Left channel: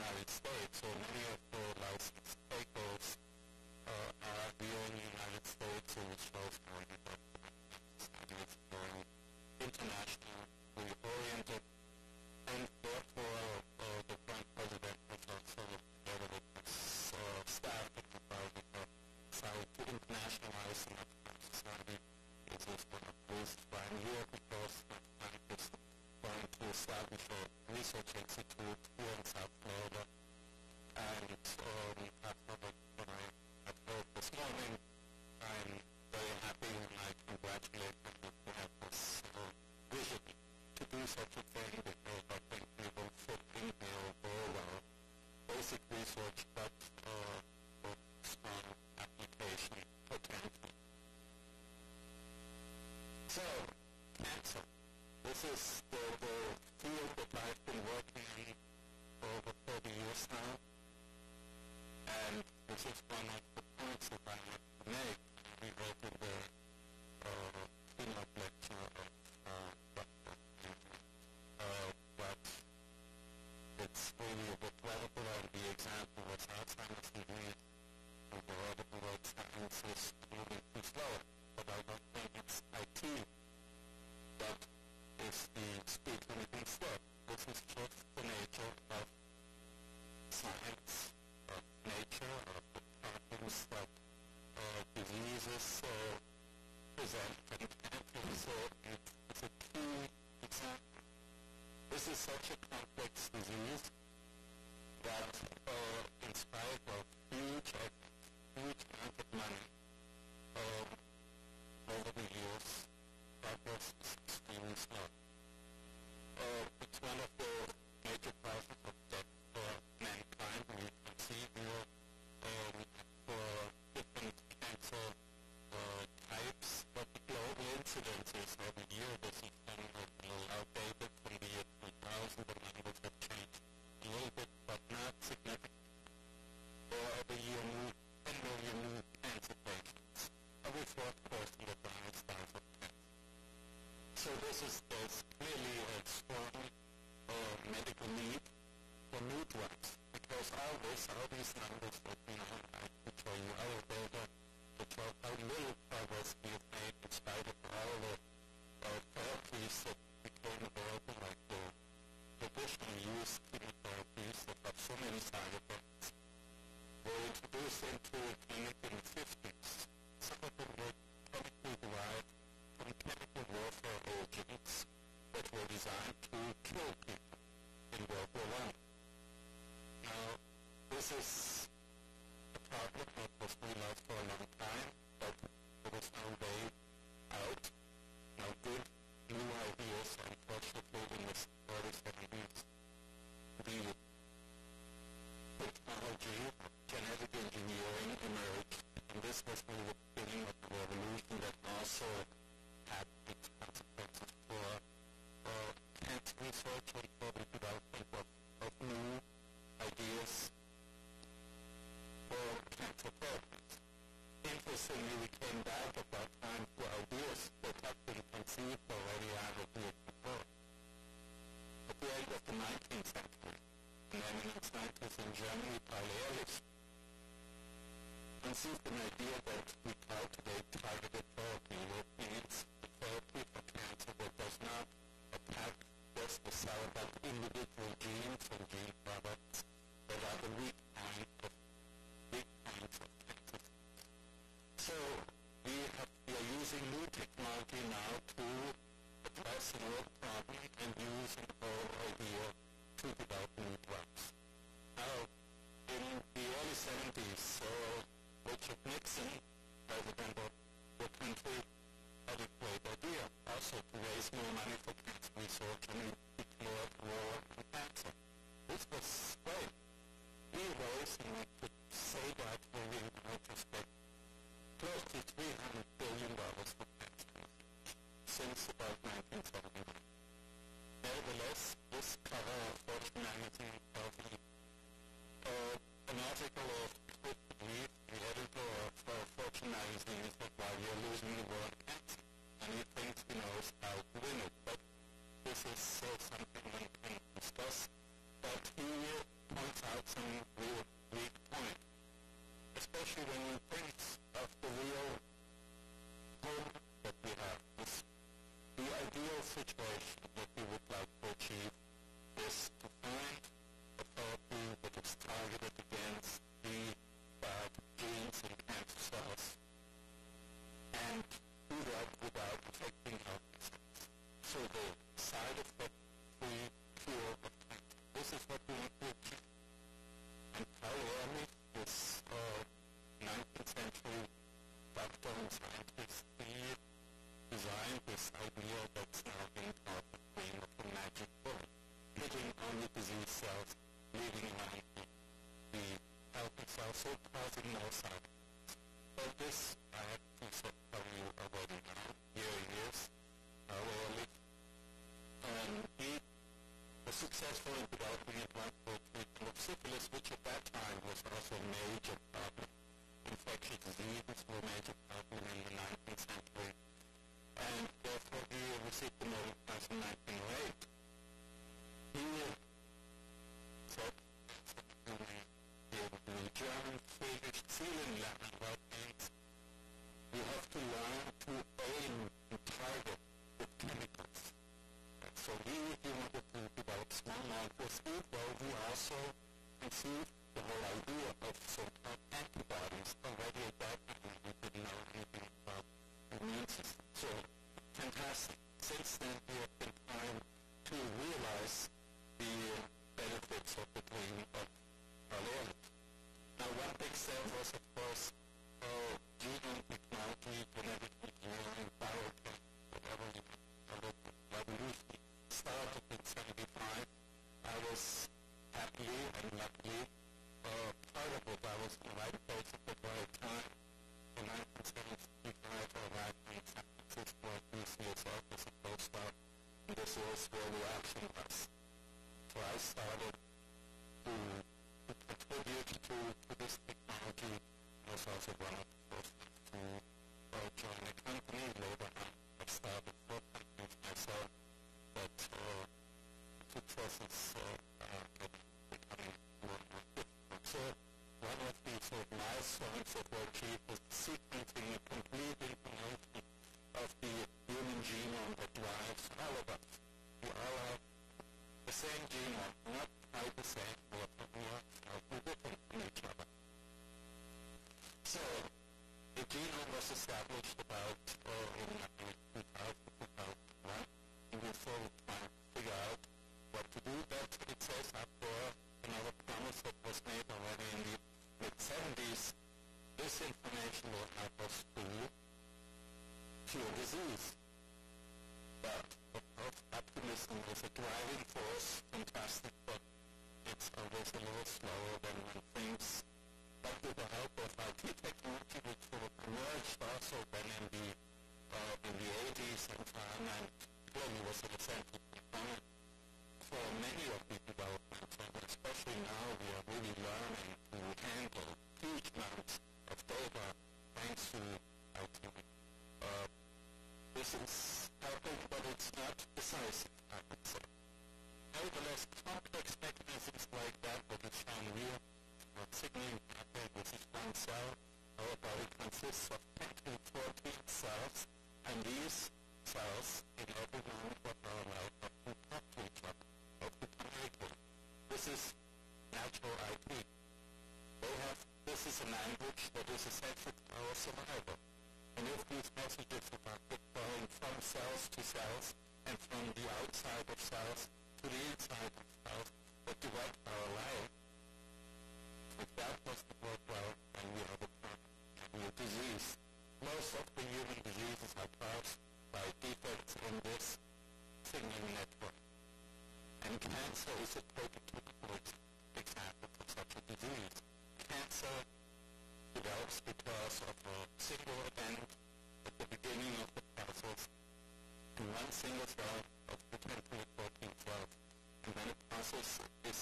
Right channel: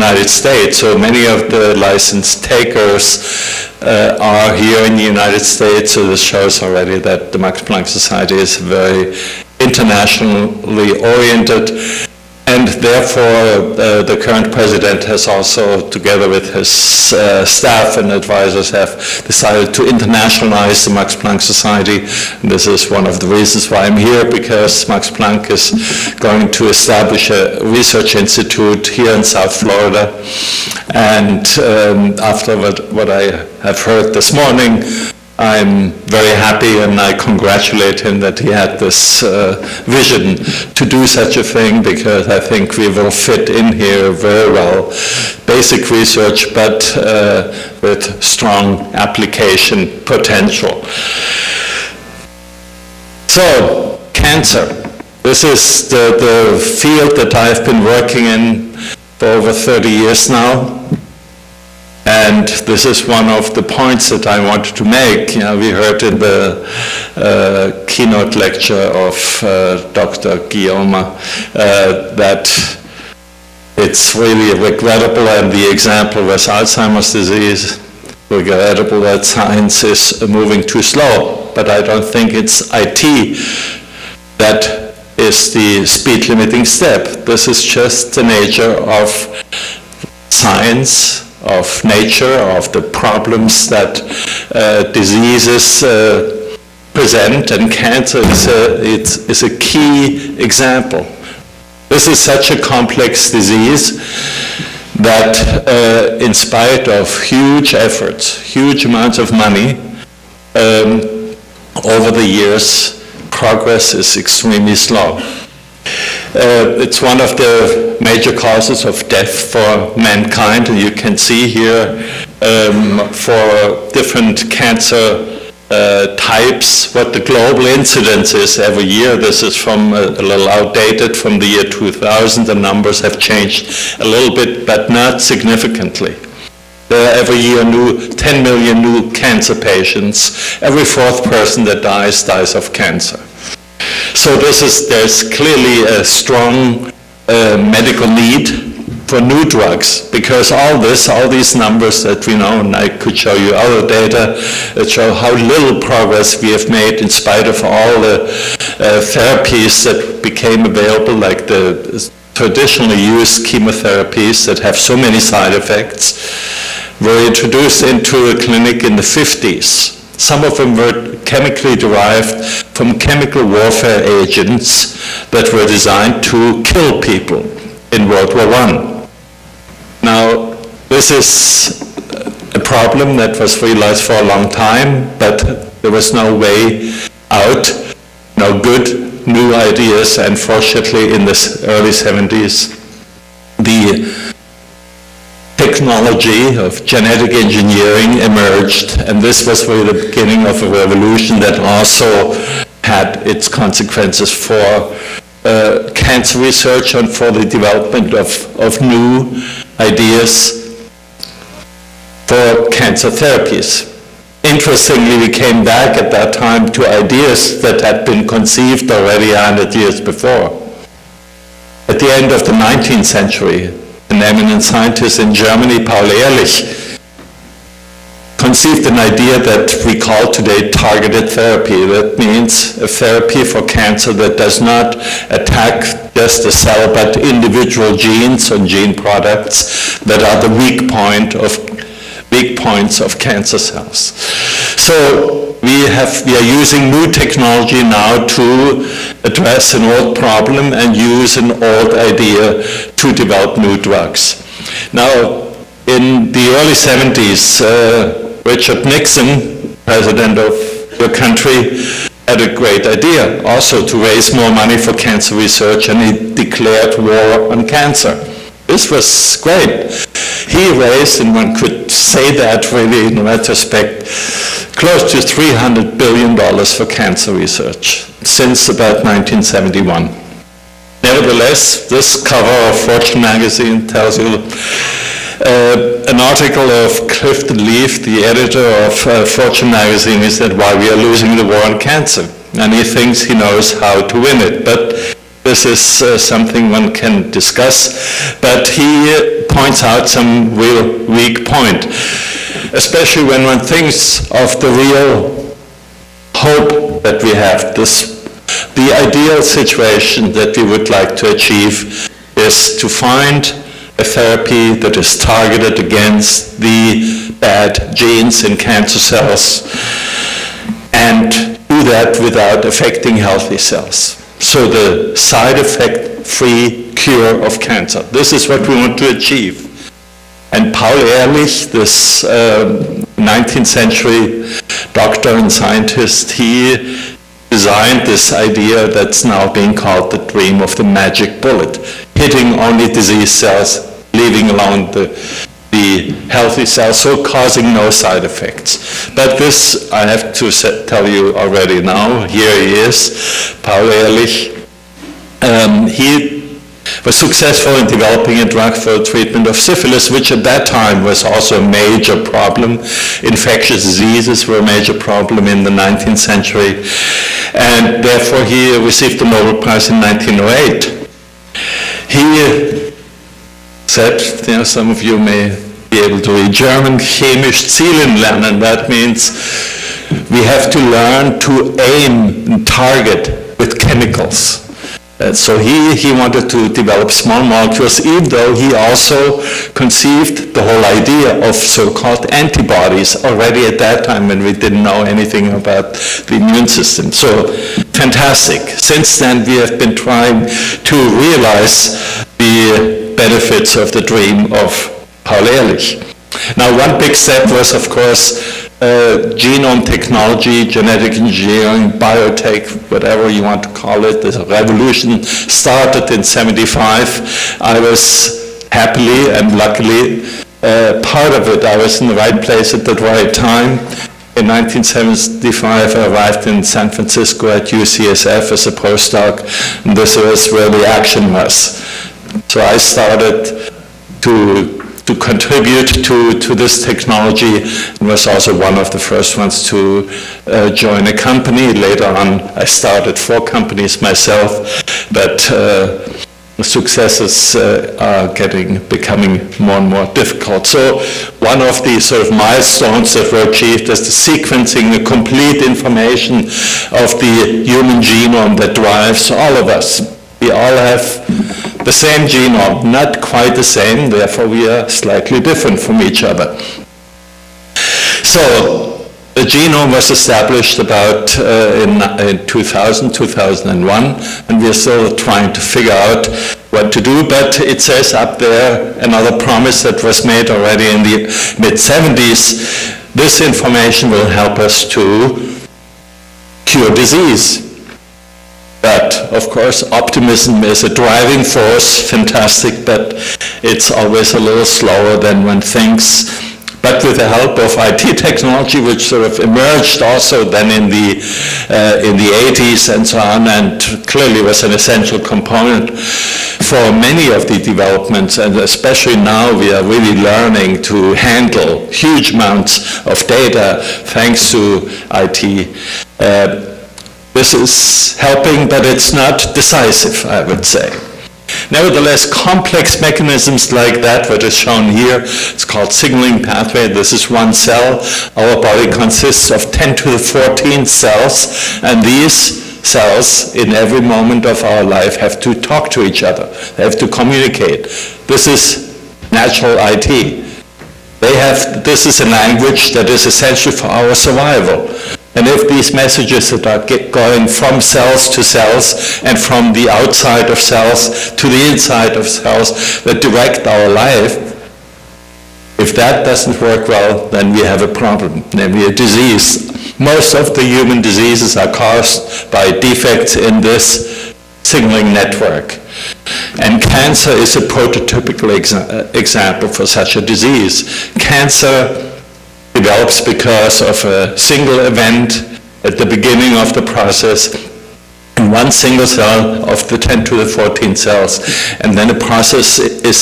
United States. So many of the license takers are here in the United States, so this shows already that the Max Planck Society is very internationally oriented, and therefore the current president has also, together with his staff and advisors, have decided to internationalize the Max Planck Society. And this is one of the reasons why I'm here, because Max Planck is going to establish a research institute here in South Florida. And after what I have heard this morning, I'm very happy, and I congratulate him that he had this vision to do such a thing, because I think we will fit in here very well. Basic research, but with strong application potential. So, cancer. This is the field that I've been working in for over 30 years now. And this is one of the points that I wanted to make. You know, we heard in the keynote lecture of Dr. Guillaume that it's really regrettable, and the example was Alzheimer's disease, regrettable that science is moving too slow. But I don't think it's IT that is the speed limiting step. This is just the nature of science, of nature, of the problems that diseases present, and cancer is a key example. This is such a complex disease that in spite of huge efforts, huge amounts of money, over the years, progress is extremely slow. It's one of the major causes of death for mankind, and you can see here for different cancer types what the global incidence is every year. This is from a little outdated from the year 2000. The numbers have changed a little bit, but not significantly. There are every year 10 million new cancer patients. Every fourth person that dies of cancer. So there's clearly a strong medical need for new drugs, because all these numbers that we know, and I could show you other data that show how little progress we have made in spite of all the therapies that became available, like the traditionally used chemotherapies that have so many side effects, were introduced into a clinic in the 50s. Some of them were chemically derived from chemical warfare agents that were designed to kill people in World War I. Now, this is a problem that was realized for a long time, but there was no way out, no good new ideas, and fortunately in the early 70s, the technology of genetic engineering emerged, and this was really the beginning of a revolution that also had its consequences for cancer research and for the development of new ideas for cancer therapies. Interestingly, we came back at that time to ideas that had been conceived already 100 years before. At the end of the 19th century, an eminent scientist in Germany, Paul Ehrlich, conceived an idea that we call today targeted therapy. That means a therapy for cancer that does not attack just the cell, but individual genes and gene products that are the weak points of cancer cells. So we are using new technology now to address an old problem and use an old idea to develop new drugs. Now, in the early 70s, Richard Nixon, president of your country, had a great idea also to raise more money for cancer research, and he declared war on cancer. This was great. He raised, and one could say that really in retrospect, close to $300 billion for cancer research since about 1971. Nevertheless, this cover of Fortune magazine tells you an article of Clifton Leaf, the editor of Fortune magazine. He said, "Why we are losing the war on cancer." And he thinks he knows how to win it. But this is something one can discuss. But he points out some real weak point, especially when one thinks of the real hope that we have. The ideal situation that we would like to achieve is to find a therapy that is targeted against the bad genes in cancer cells and do that without affecting healthy cells. So the side effect-free cure of cancer. This is what we want to achieve. And Paul Ehrlich, this 19th century doctor and scientist, he designed this idea that's now being called the dream of the magic bullet, hitting only disease cells, leaving alone the healthy cells, so causing no side effects. But this, I have to tell you already now, here he is, Paul Ehrlich. He was successful in developing a drug for the treatment of syphilis, which at that time was also a major problem. Infectious diseases were a major problem in the 19th century. And therefore he received the Nobel Prize in 1908. He said, some of you may be able to read German, chemisch zielen lernen. That means we have to learn to aim and target with chemicals. So he wanted to develop small molecules, even though he also conceived the whole idea of so-called antibodies already at that time when we didn't know anything about the immune system. So fantastic. Since then we have been trying to realize the benefits of the dream of Paul Ehrlich. Now one big step was, of course, genome technology, genetic engineering, biotech, whatever you want to call it. The revolution started in '75. I was happily and luckily part of it. I was in the right place at the right time. In 1975, I arrived in San Francisco at UCSF as a postdoc, and this was where the action was. So I started to contribute to this technology, and was also one of the first ones to join a company. Later on, I started 4 companies myself, but the successes are becoming more and more difficult. So one of the sort of milestones that were achieved is the sequencing, the complete information of the human genome that drives all of us. We all have the same genome, not quite the same, therefore we are slightly different from each other. So the genome was established about in 2000, 2001, and we are still trying to figure out what to do, but it says up there another promise that was made already in the mid-70s. This information will help us to cure disease. But, of course, optimism is a driving force, fantastic, but it's always a little slower than one thinks. But with the help of IT technology, which sort of emerged also then in the 80s and so on, and clearly was an essential component for many of the developments, and especially now we are really learning to handle huge amounts of data thanks to IT. This is helping, but it's not decisive, I would say. Nevertheless, complex mechanisms like that, what is shown here, it's called signaling pathway. This is one cell. Our body consists of 10 to the 14 cells, and these cells in every moment of our life have to talk to each other. They have to communicate. This is natural IT. This is a language that is essential for our survival. And if these messages that are going from cells to cells and from the outside of cells to the inside of cells that direct our life, if that doesn't work well, then we have a problem, namely a disease. Most of the human diseases are caused by defects in this signaling network. And cancer is a prototypical example for such a disease. Cancer develops because of a single event at the beginning of the process in one single cell of the 10 to the 14 cells, and then the process is